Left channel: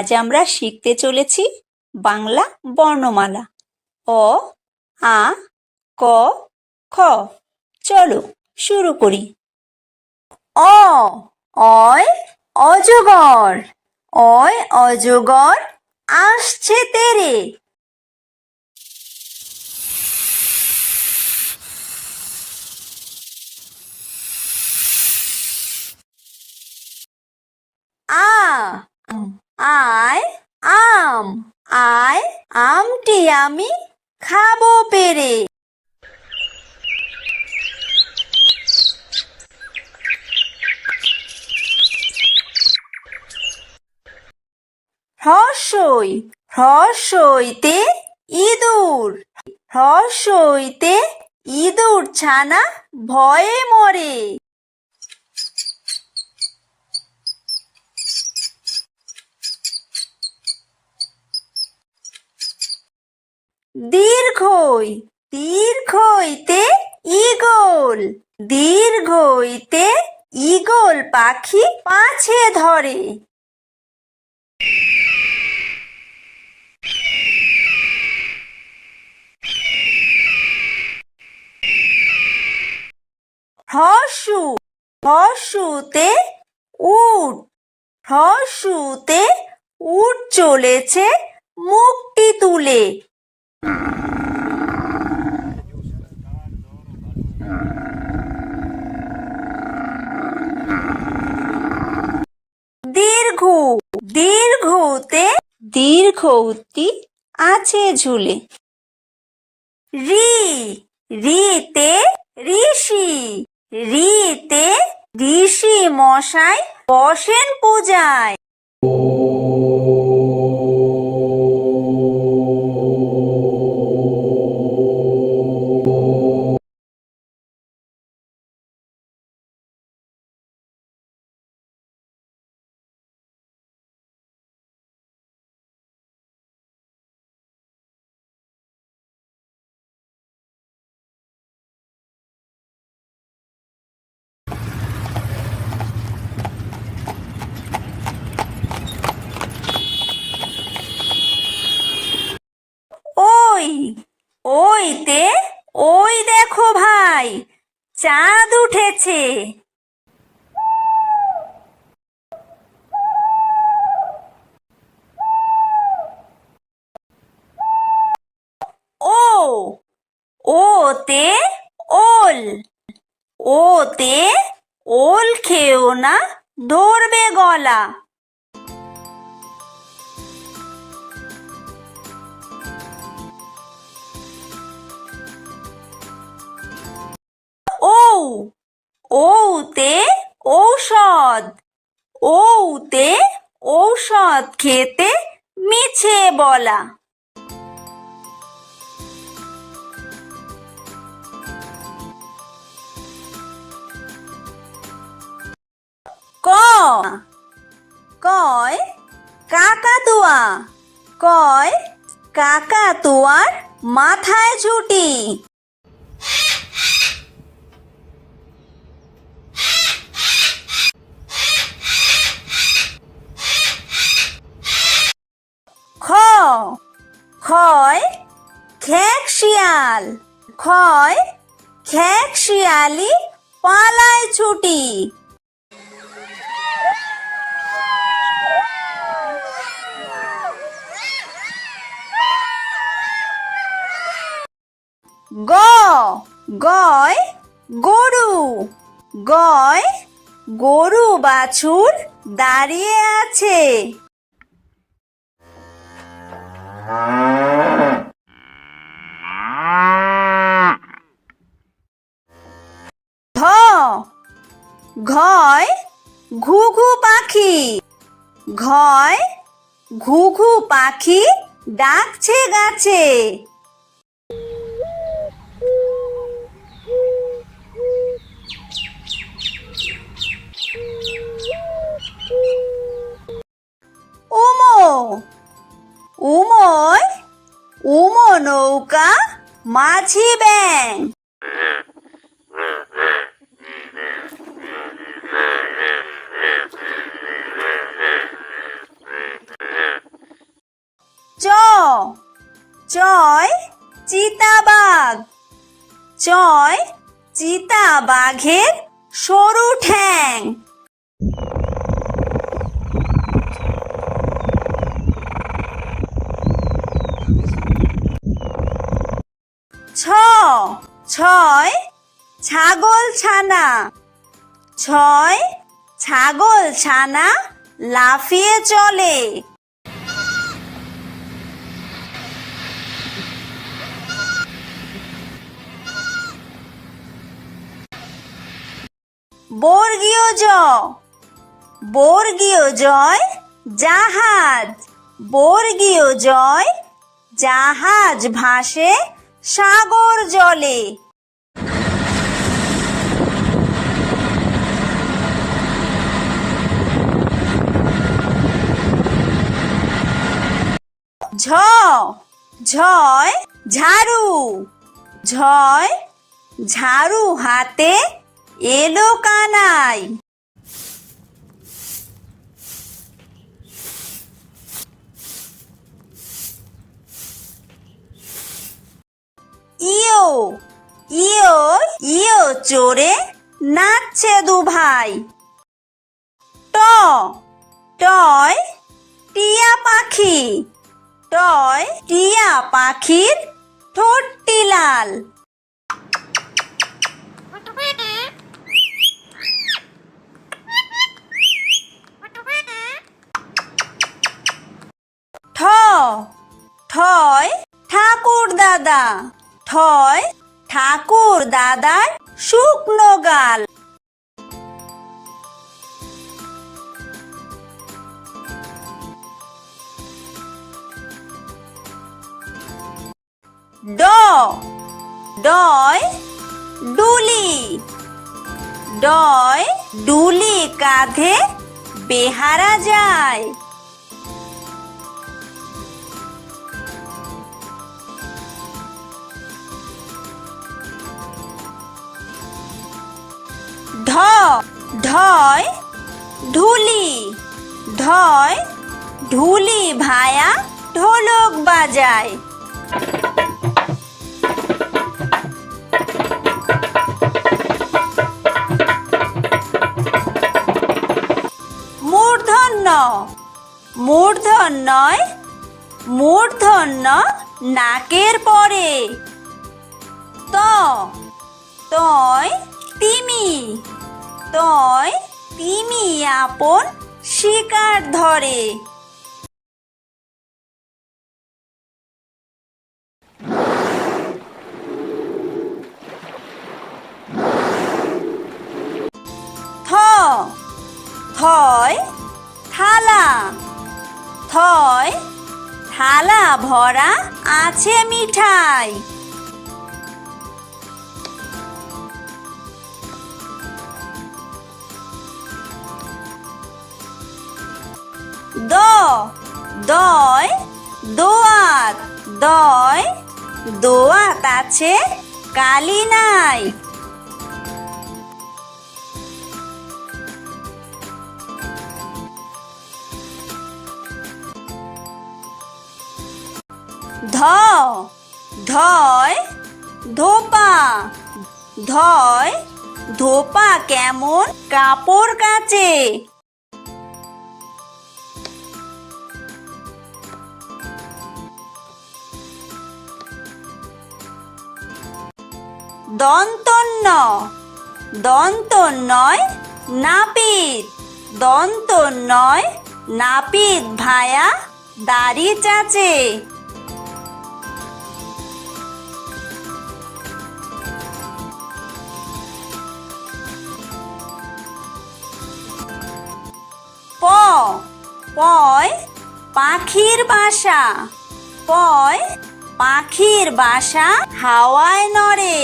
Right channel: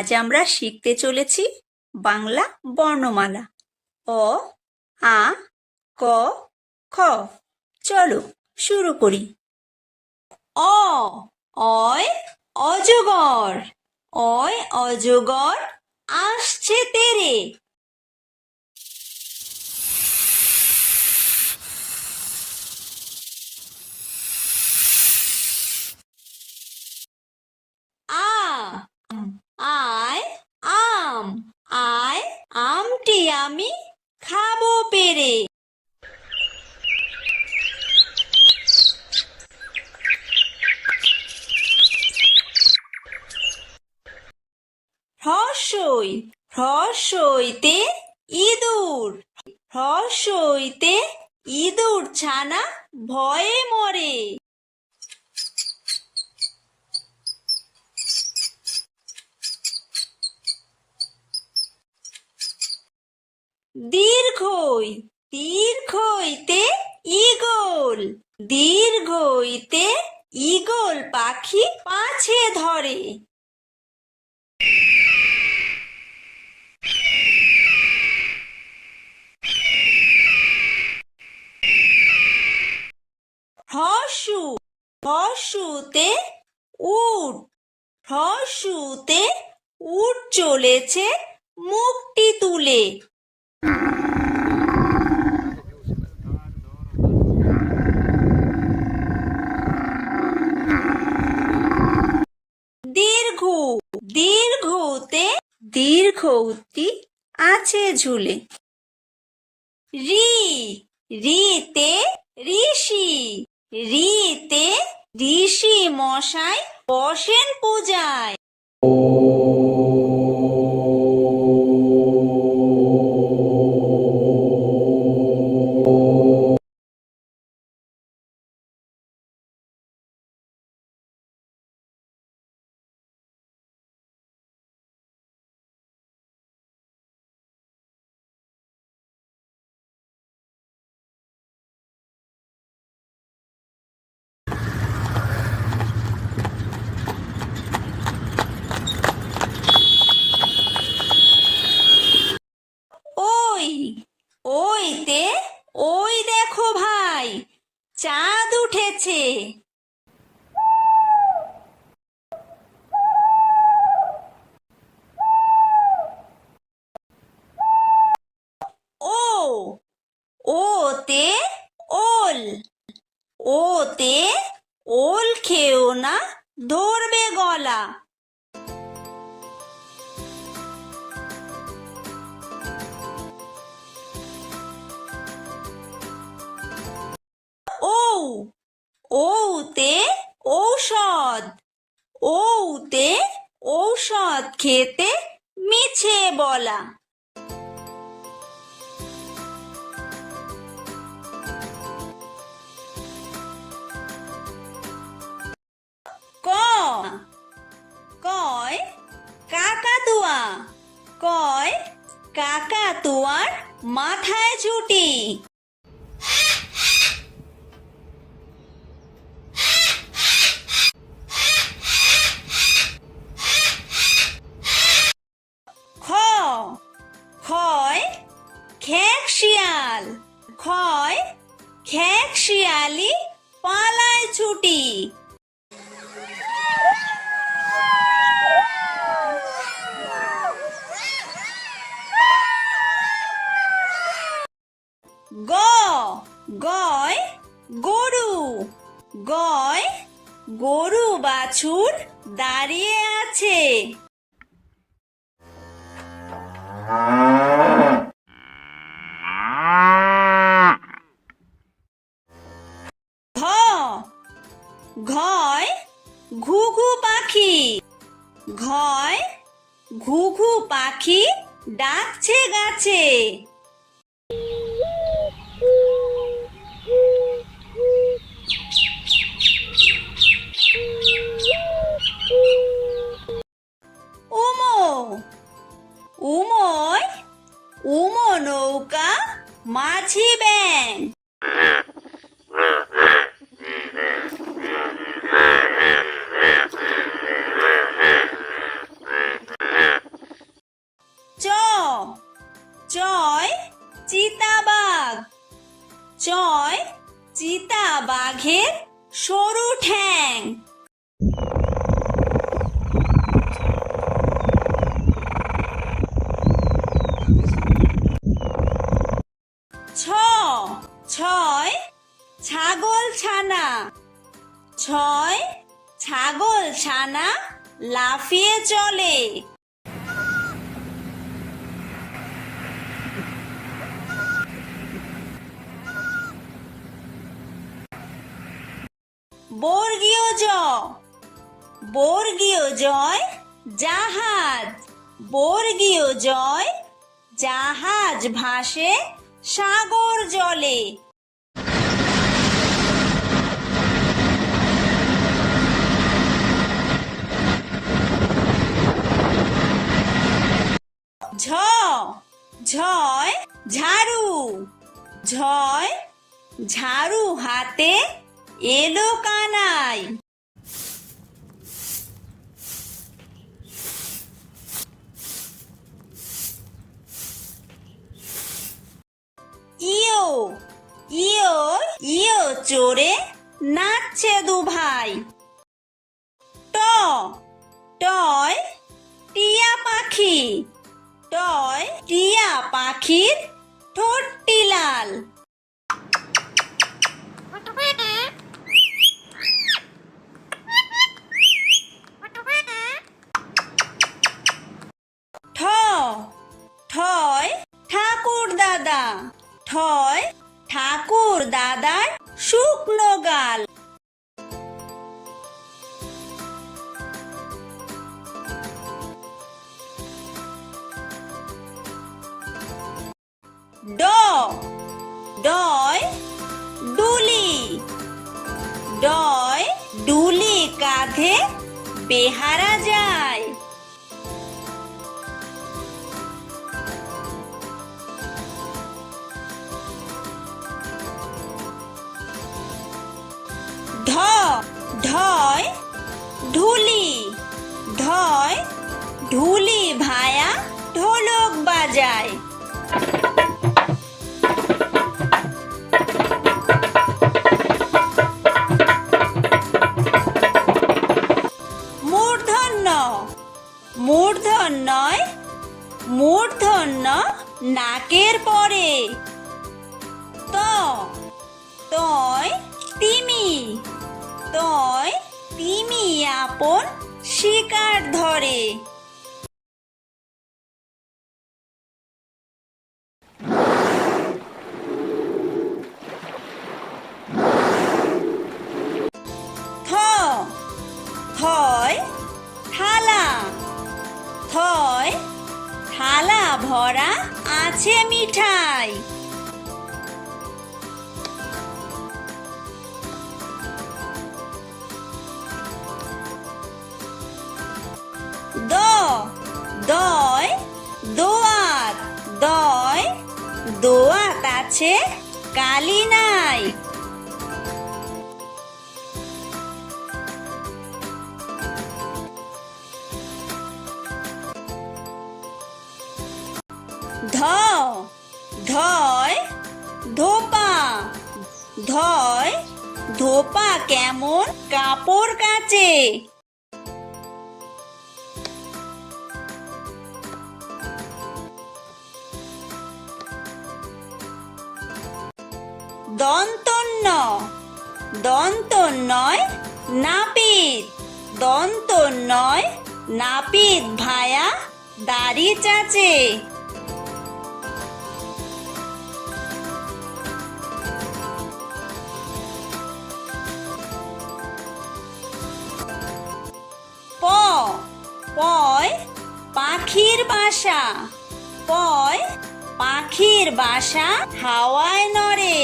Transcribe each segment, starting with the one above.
আজ আমরা শিখতে চলেছি বাংলা বর্ণমালা অ, আ, ক, খ। চলো শুরু করি। অ, অয় অজগর, অয় অজগর আসছে তেরে। আ, আয় আম, আয় আমটি আমি খাবো পেরে। হ্রস্বই, হ্রস্বইতে ইঁদুর, হ্রস্বইতে ইঁদুর ছানা ভয়ে মরে। দীর্ঘই, দীর্ঘইতে ঈগল, দীর্ঘইতে ঈগল পাখি পাছে ধরে। হ্রস্বু, হ্রস্বুতে উট, হ্রস্বুতে উট চলেছে মুখটি তুলে। দীর্ঘ, দীর্ঘতে দীর্ঘউতি আছে ঝুলে। রি, রিতে ঋষি, রিতে ঋষি মশাই বসেন পূজায়। ওই, ওইতে ওই দেখো ভাই চাঁদ উঠেছে। ও, ওতে ওল, ওতে ওল খেও না ধরবে গলা। ও, ওতে ঔষধ, ওতে ঔষধ খেতে মিছে বলা। ক, কয় কাকাতুয়া, কয় কাকাতুয়ার মাথায় ঝুঁটি। খ, খয় খেক শিয়াল, খয় খেক শিয়ালি পালায় ছুটি। গ, গয় গরু, গয় গরু বাছুর দাঁড়িয়ে আছে। ঘ, ঘয় ঘুঘু পাখি, ঘয় ঘুঘু পাখি ডাকছে গাছে। উমো, উময় উমো নৌকা মাঝি ব্যাং। চয় চিতাবাঘ। চয় চিতাবাঘের সরু ঠ্যাং। ছ ছয় ছাগল ছানা। ছয় ছাগল ছানা লাফিয়ে চলে। বর্গীয় জ বর্গীয় জয় জাহাজ। বর্গীয় জয় জাহাজ ভাসে সাগর জলে। ঝ ঝয় ঝাড়ু। ঝয় ঝাড়ু হাতে এলো কানাই। ইয়ো ইয়ো ইয়ো চড়ে নাচছে দু ভাই। ট টয় টিয়া পাখি। টয় টিয়া পাখির ঠোঁটটি লাল। ঠ ঠয় ঠাকুর দাদা। ঠয় ঠাকুর দাদার শুকনো গাল। ড ডয় ডুলি। ডয় ডুলি কাঁধে বেহারা যায়। ঢ ঢয় ঢুলি। ঢয় ঢুলি ভায়া ঢোলক বাজায়। মূর্ধন্য মূর্ধন্যয় মূর্ধন্য নাকের পরে। ত তয় তিমি। তয় তিমি আপন শিকার ধরে। থ থয় থালা। থয় থালা ভরা আছে মিঠাই। দ দয় দোয়াত। দয় দোয়াত আছে কালি নাই। ধ ধয় ধোপা। ধয় ধোপা কেমন কাপড় কাচে। দন্তন্য দন্তন্যয় নাপিত। দন্তন্যয় নাপিত ভায়া দাড়ি চাচে। প পয় পাখির বাসা। পয় পাখির বাসা হাওয়ায় নড়ে।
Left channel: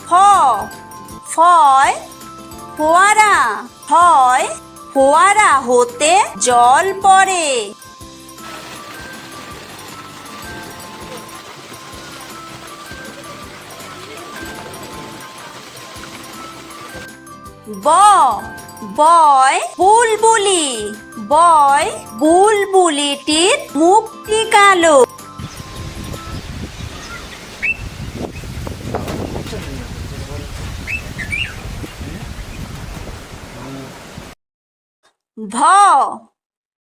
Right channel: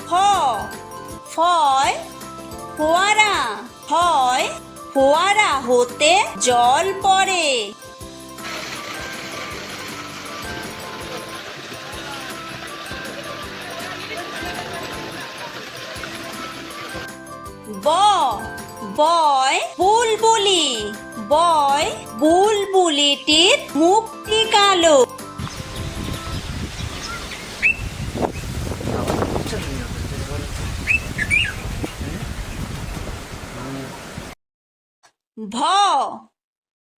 ফ ফয় ফোয়ারা। ফয় ফোয়ারা হতে জল পড়ে। বয় বুলবুলি, বয় বুলবুলিটির মুখটি কালো।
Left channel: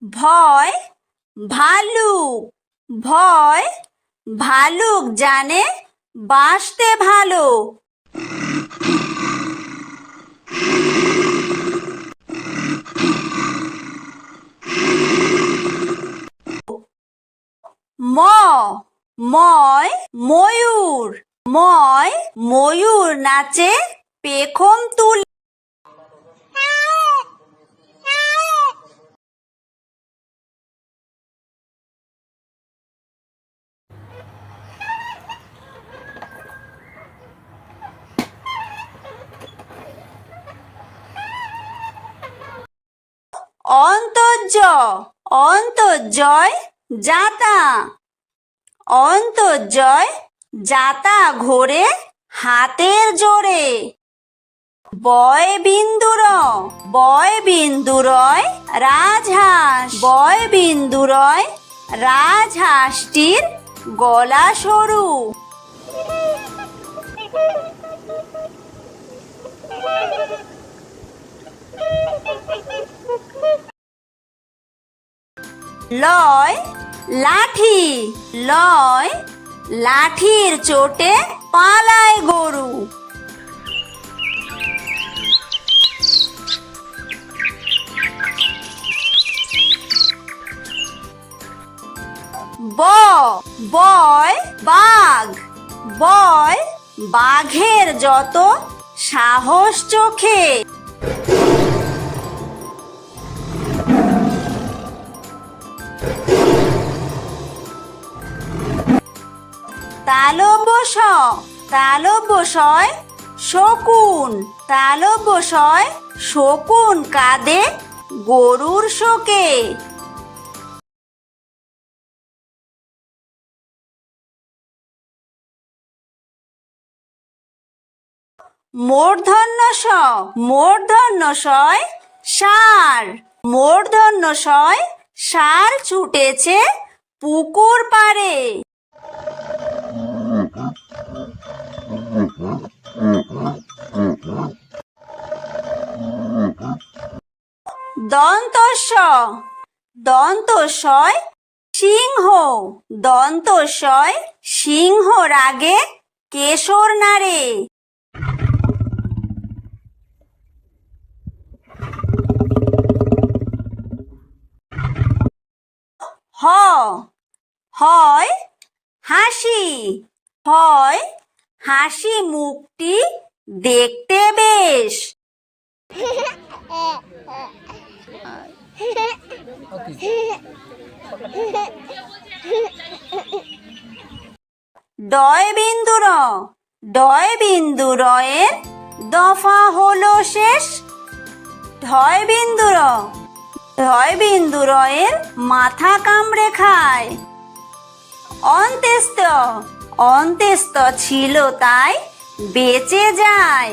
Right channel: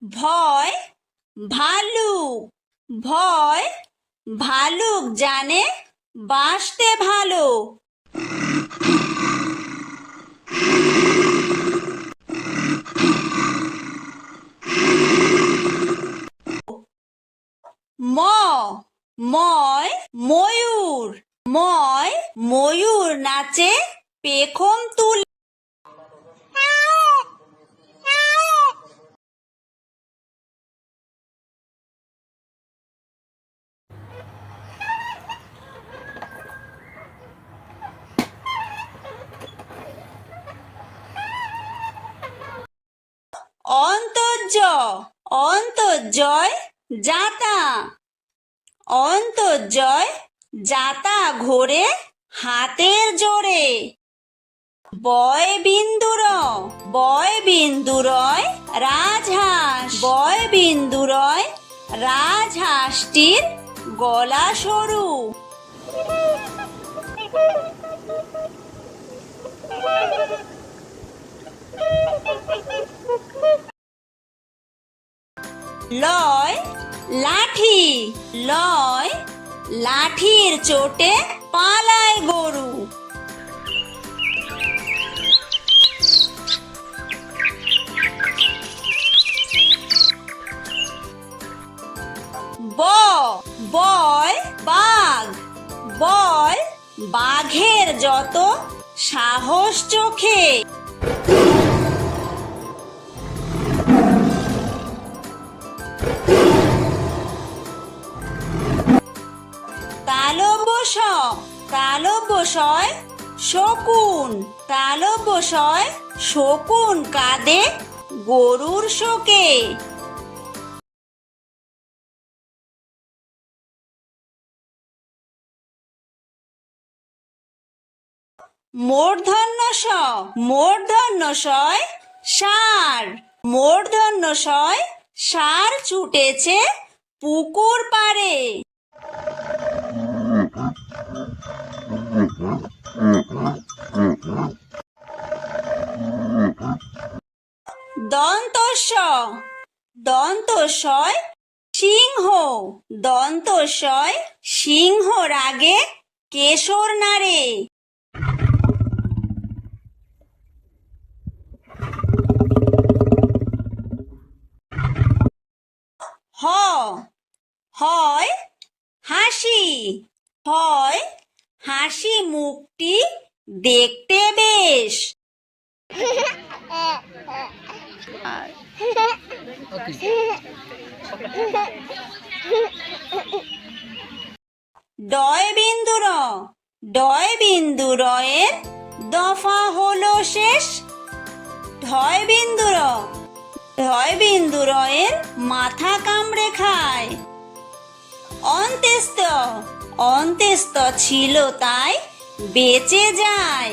ভয় ভালুক, ভয় ভালুক জানে বাঁচতে ভালো। ময়ূর, ময়ূর নাচে পেখম তুলে। অন্তর্জয় যাতা, অন্তর্জয় যাতা ঘোরে হাতের জোরে। বয়বিন্দুরয় রাজহাঁস, বয়বিন্দুরয় রাজহাঁসটির গলা সরু। লয় লাঠির চোটে পালায় গরু। বয় বাঘের যত সাহস চোখে। তালব্যশয় শকুন কাঁদে গরুর শোকে। মূর্ধন্যশয় ষাঁড় ছুটেছে পুকুর পাড়ে। দন্তস্বয় সিংহ রাগে কেশর নাড়ে। হাসি মুখটি দেখতে বেশ। ডয়বিন্দুরয়ের দফা হলো শেষ। ধয়বিন্দুরয়ের মাথা কামড়ে খায়। অন্ত্যেস্ত ছিল তাই বেঁচে যায়।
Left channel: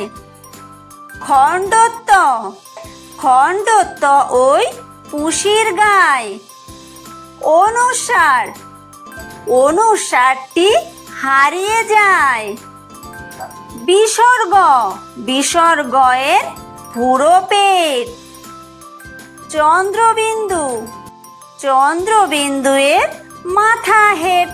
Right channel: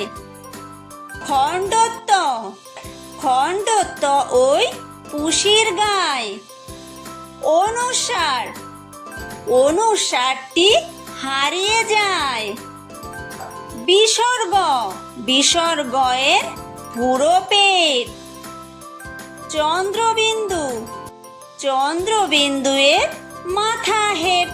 খণ্ডত্ব ওই পুষির গায়। অনুসারটি হারিয়ে যায়। বিসর্গয়ের পুরো পেট। চন্দ্রবিন্দুয়ের মাথা হেট।